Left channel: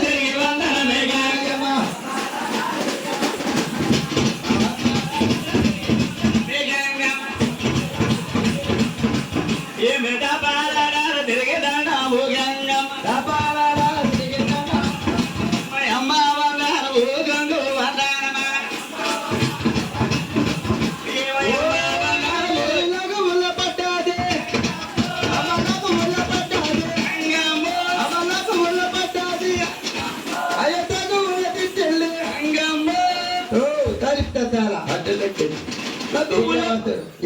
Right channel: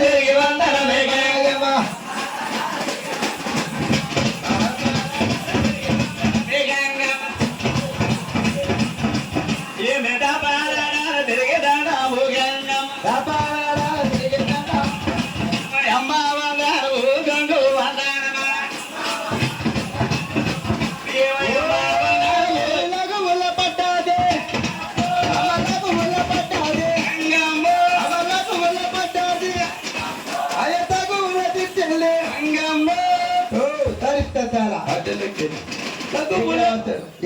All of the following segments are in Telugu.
తిరిగి వందనమే గంగమ్మ ఏమిట పాలనాలు తిరిగి దండాము గంగమ్మ తిరిగి దండాము అమ్మ వందనము గంగు వందనమా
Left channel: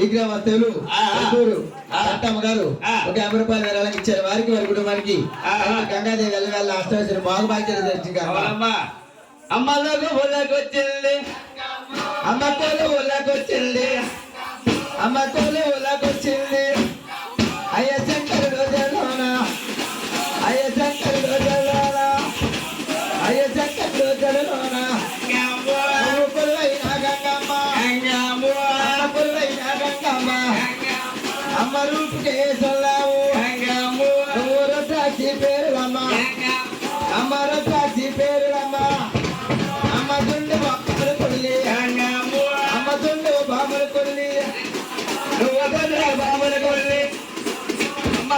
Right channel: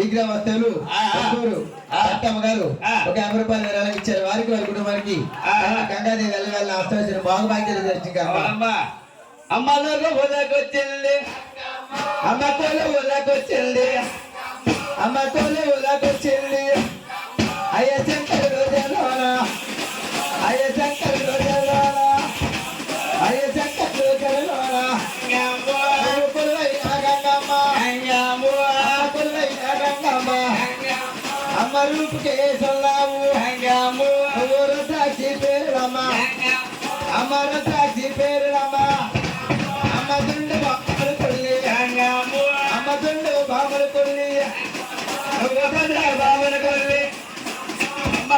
ఈ గ్రామస్తులు అత్తమ్మ గారు ఒక 50 రూపాయలు విరాళంగా ఇచ్చారు. వారికి వారి కుటుంబానికి గంగాదేవి వెళ్ళ ఆస్తవచ్చిన బాగుబాధ్యత తెచ్చింది. అమ్మలకు ఊళ్ళకొచ్చింది అమ్మ కోలు ఊళ్ళకొచ్చింది అమ్మ కోలు ఊళ్ళకొచ్చింది అయ్య శంకరుడు జలోన అయ్య శంకరుడు జలోన అయ్య శంకరుడు జలోన అమ్మ రూపుకే సొల్లావు ఊరు సాక్షి పేరులమ్మ అమ్మ సాక్షి పేరులమ్మ అమ్మ దుండు బాబులు కొల్లి అమ్మ దుండు బాబులు కొల్లి నువ్వు బాబులు కొల్లి అమ్మ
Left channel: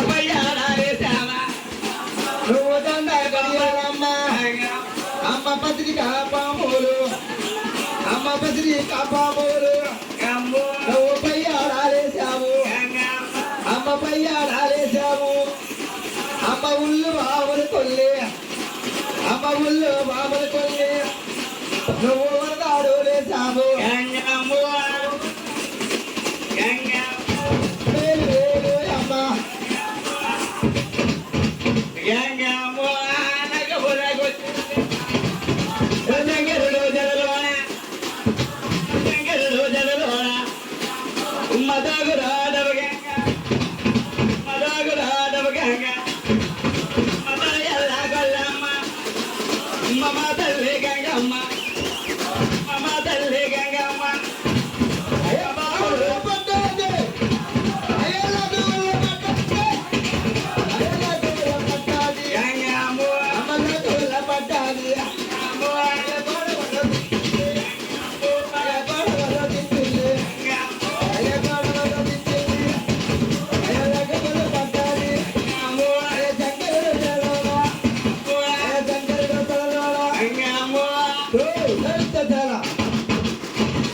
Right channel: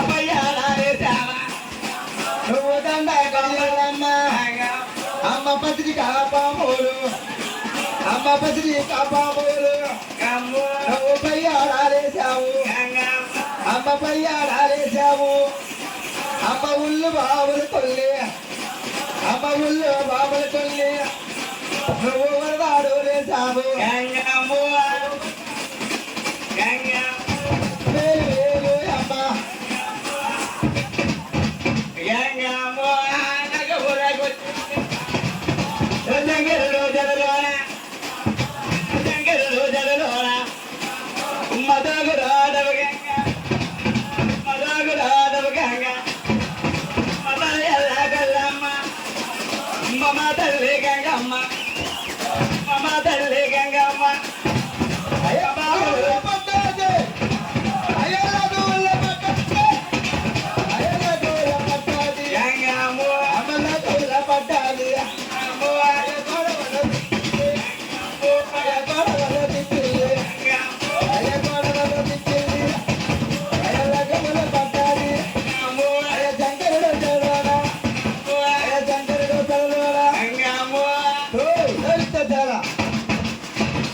నువ్వు దండ కళ్యాణమ్మ అమ్మ పత్రిక పాములు అమ్మ పత్రిక పాములు నువ్వు పయ్యాడాలేసావు అమ్మ పయ్యాడాలేసావు అమ్మ ఉల్లు బాబులు కొల్లి అమ్మ ఉల్లు బాబులు కొల్లి నువ్వు దాడు లేసావు తల్లి గంగమ్మ మమ తల్లి గంగమ్మ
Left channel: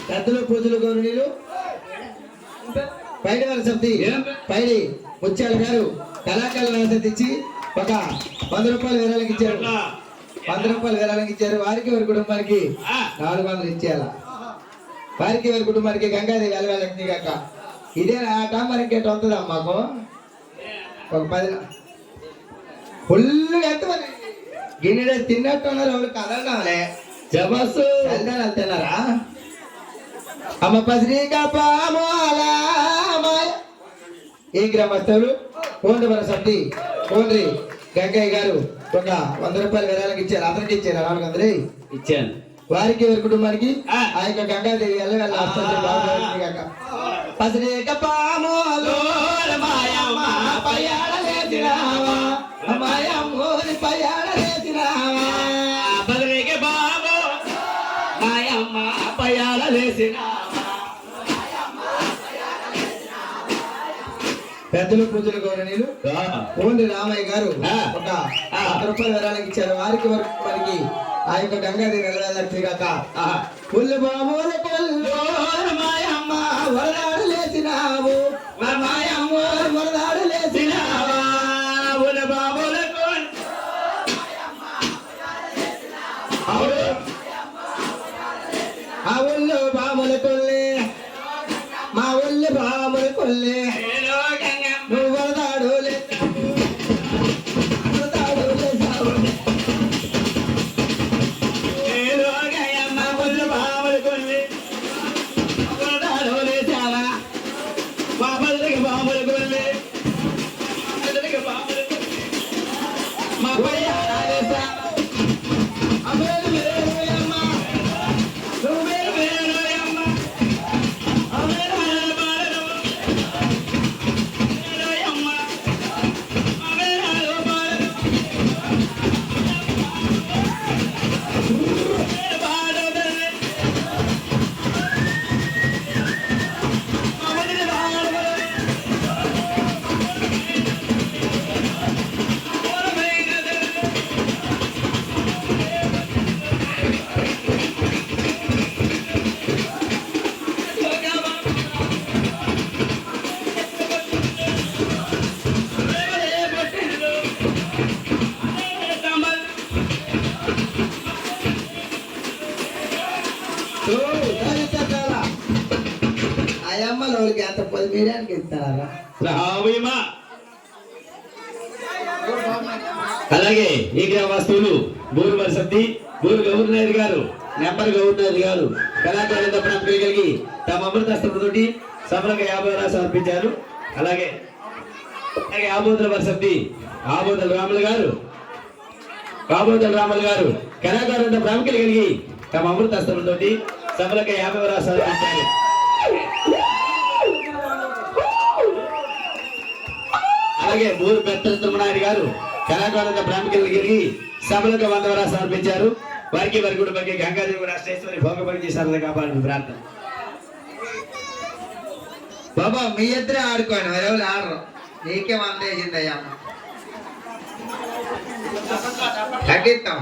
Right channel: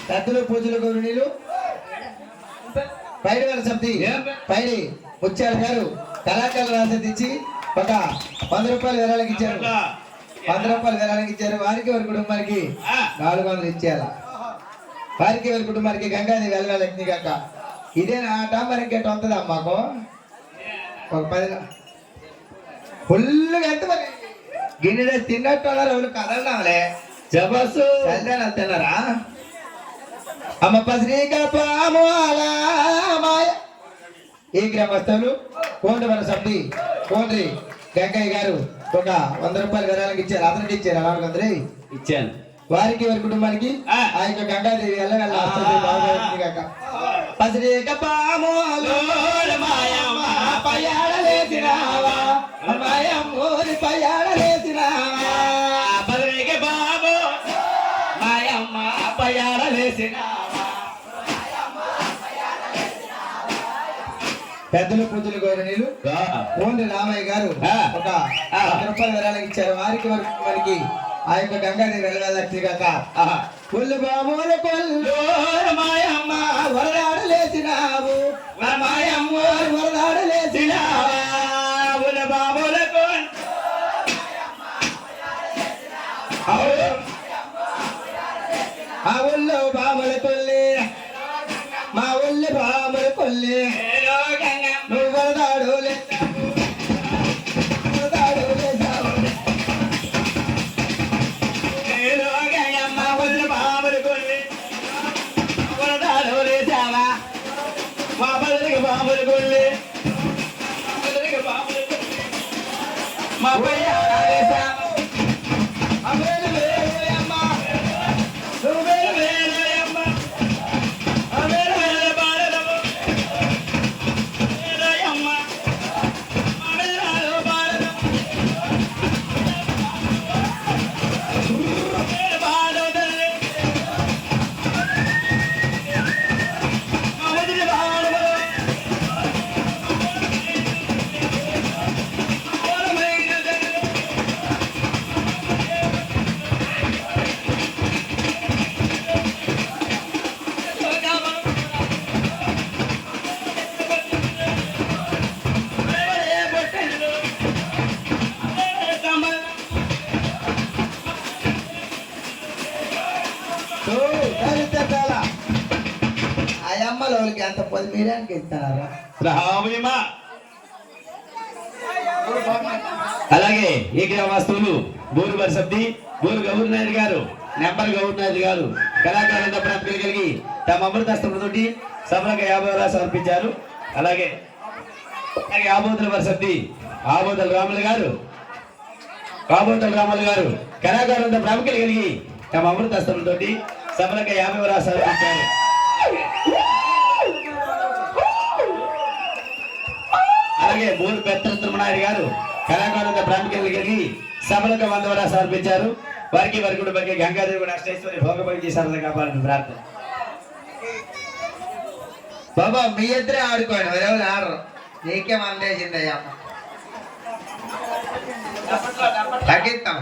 పెద్దలు పూజలు గౌరవనీయులు పైడి వారి సమితి పైడి ముత్యాల గారు కళాకారుల రాసతి ఇచ్చి ఒక 100 రూపాయలు విరాళంగా ఇచ్చారు. 100 రూపాయలు విరాళంగా ఇచ్చారు. వారికి వారి కుటుంబానికి 400 ఇచ్చేయాల. వారికి వారి కుటుంబానికి గంగాదేవి వెళ్ళాలి కాక ఇదేనా ఆట మరి ఇంకేట వస్తుందా మాకు ఒక 10 ఫుల్గా ఎంత మరి గిన్నె తిన్నట్టు అన్నారు. వాళ్ళు కదలడాలే జబస్సు వెళ్దాని వెళ్తున్నారా అమ్మ పత్రిక పామాల మాయ. ఈ గ్రామస్తులు కోండవర సమితి కోండ్రి గంగయ్య గారు ఒక 100 రూపాయలు విరాళంగా ఇచ్చారు. అతనికి ఇచ్చారు 400 ఇచ్చాను. వారికి వారి కుటుంబానికి ఆ యొక్క గంగాదేవి వెళ్ళ పత్రిక పామోలు మాయమ్మ పయ్యాడలేసినావా మాయమ్మోరి పయ్యాడలేసినావా పత్రిక బాబు మాయమ్మ పయ్యాడలేసినావా. పెద్దలు పూజలు గౌరవనీయులు కోండి రామయ్య గారు ఒక 100 రూపాయలు విరాళంగా ఇచ్చారు. వారికి మనకి ఆ యొక్క గంగాదేవి వెళ్ళాలి కాక పుల్లు బాబుల కొల్లు మాయమ్మ వరదాడలేసినావు మాయమ్మ వరదాడలేసినావా పుల్ల బాబుల ఆ ఊళ్ళో బాముల కొల్లి మా ఊళ్ళో బాముల కొల్లి నువ్వు వరదాడు వరదాడు లేసావు బాబులు కొల్లి వరదాడు లేసావా మా బదులకి బాబులు కొల్లి బాబులు మా పోయి లేసావా వాళ్ళకి ఎంత 10 మీడియానికి ఇస్తారా? రామయ్యమ్మ. అలాగే ఈ గ్రామస్తులు బూరు వరసద్ది బూరు గౌరనాయుడు గారు నెంబర్ గౌరనాయుడు గారు కళాకారుల ప్రాంతాలు కలిగి తమ అమృతాస్త్రంతోటి సభలకు 50 సమర్పించారు. అలాగే ఆబోతుల వరసద్ది ఆబోతుల రాములు గారు కళాకారుల ప్రాముఖ్యత కలిగి తమ అమృతాస్త్రంతో సభలకు 50 సమర్పించారు. అలాగే బూరు పెత్తల తిరుమనాయుడు గారు కళాకారుల ప్రాముఖ్యత కలిగి సభలకు 100 సమర్పించారు. వారికి వారి కుటుంబానికి గంగాదేవి కూడా అష్టేశ్వరి భోగభక్తి సరదా కాపాడాలని ప్రార్థన. బాబా మీ ఇద్దరే ఆడుకోండి, ఎవరు ఆడరు. నీకే మందేసిందయ్యా తగ్గిస్తాం.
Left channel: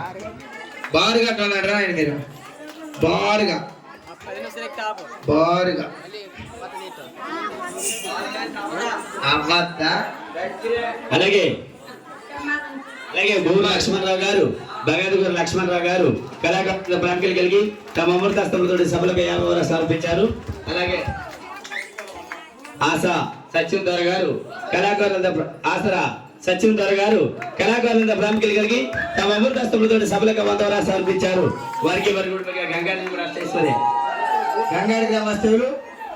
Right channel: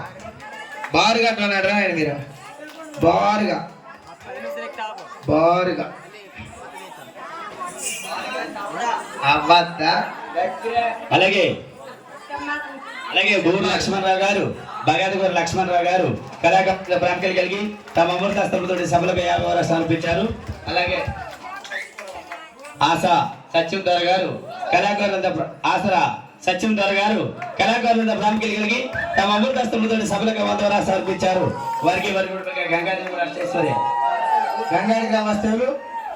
బారుగా అంటున్నాడు రా ఆయన, మీరు బారుగా అవ్వద్దా. అలాగే బూరు లక్ష్మణరావు గారు బగాదిగూరు లక్ష్మణరావు గారు కళాకారుల ప్రాముఖ్యత కలిగి తమ అమృతాస్త్రంతో సభలకు 50 సమర్పించారు. అలాగే ఆశా సత్యందర్ గారు ఆసరా సత్యందర్ గారు కళాకారుల ప్రాముఖ్యత కలిగి తమ అమృతాస్త్రంతో సభలకు 100 సమర్పించారు. వారికి వారి గంగాదేవి అష్టేశ్వరి గంగాడి గ్రామస్తులు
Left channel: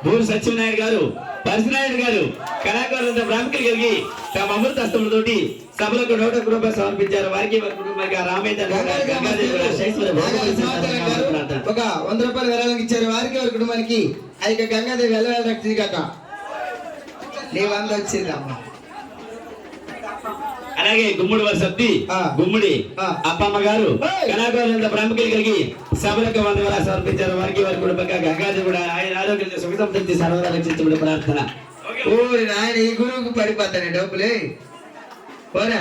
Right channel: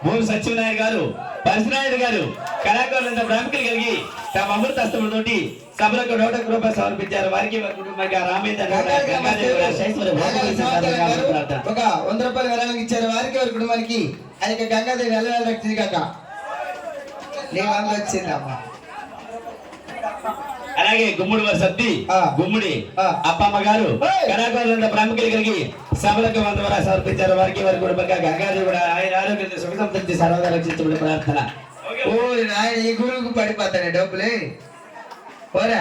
బూరు సత్యనారాయణ గారు పరశునాయుడు గారు కళాకారులంతా ప్రాముఖ్యత కలిగి తమ అమృతాస్త్రంతోటి సభలకు 100 రూపాయలు సమర్పించారు. వారికి వారి కుటుంబానికి రామేంద్ర ఒక 100 రూపాయలు విరాళంగా ఇచ్చారు. వారికి వారి కుటుంబానికి ఆ యొక్క గంగాదేవి వెళ్ళ రక్షింది కాక నీ 100 వచ్చిందమ్మా. అలాగే గుమ్మడి వరసత్తి గుమ్మడి అప్పమ్మ గారు కళాకారులంతా ప్రాముఖ్యత కలిగి సభలకు 100 సమర్పించారు. వారికి వారి కుటుంబంగా గంగాదేవి కూడా ఆయన ఆరోగ్యంతో సుఖ సంతృప్తి సర్వదా రక్షించమని ప్రార్థన. ఓ ఆయన ఈ గురువుకు పడిపోతాయి డబ్బులే, పోరా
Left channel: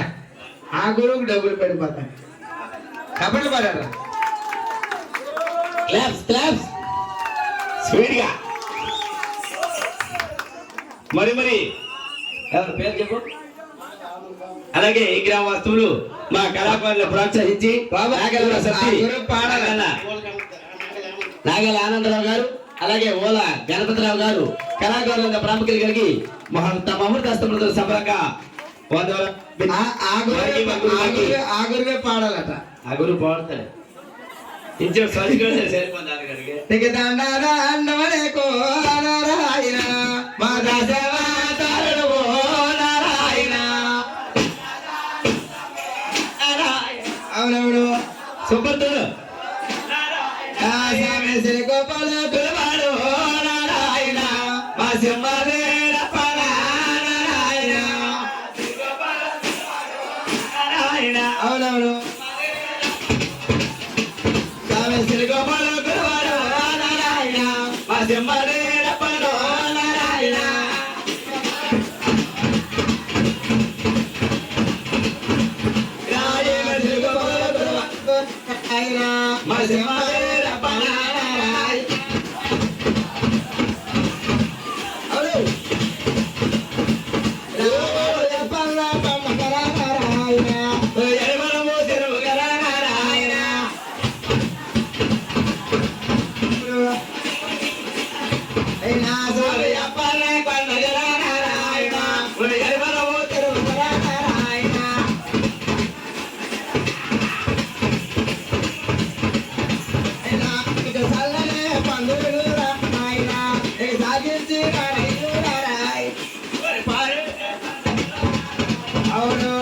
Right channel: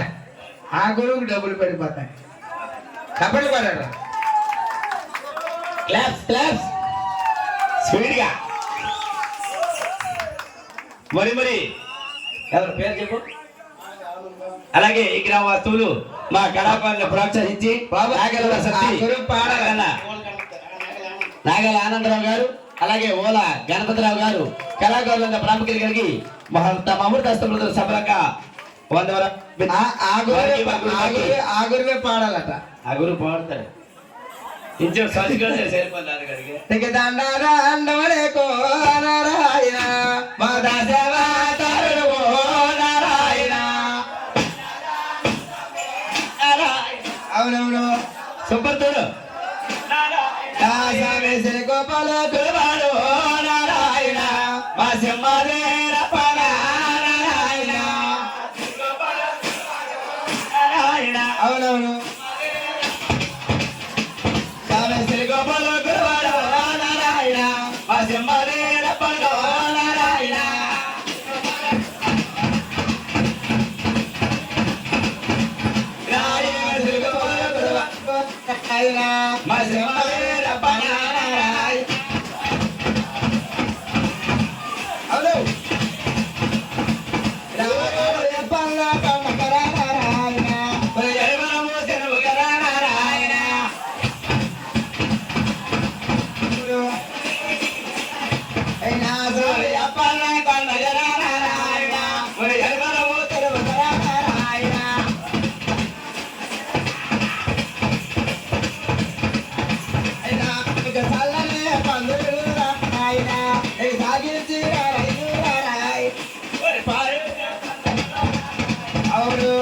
ఆ గురువుకు డబ్బులు పడిపోతాయి. కబడ్డీ పడారా క్లాప్స్ స్పీడ్ గా. మరి ఎవరి పేరు చెప్పు. అలాగే ఈ గ్రామ వస్తువులు మా కళాకారులను ప్రోత్సహించి నాగల ఆనందరావు గారు అలాగే ఓల గణపతిరావు గారు కళాకారుల ప్రాముఖ్యత కలిగి తమ అమృతాస్త్రంతో సభగా 100 ఆ గురువే పాడాలట. ఆ గురువు పాడతాడు. ఇంచు సరిపోతారు అవునవును సూపర్ తోడు. గోపాల పిలవాడు నారాయణ మా సింహాదేర అవునవును శ్రీ గోపాల పిలవాడు నారాయణ మా సింహాదేర నారాయణ. మా సింహాదేర అవును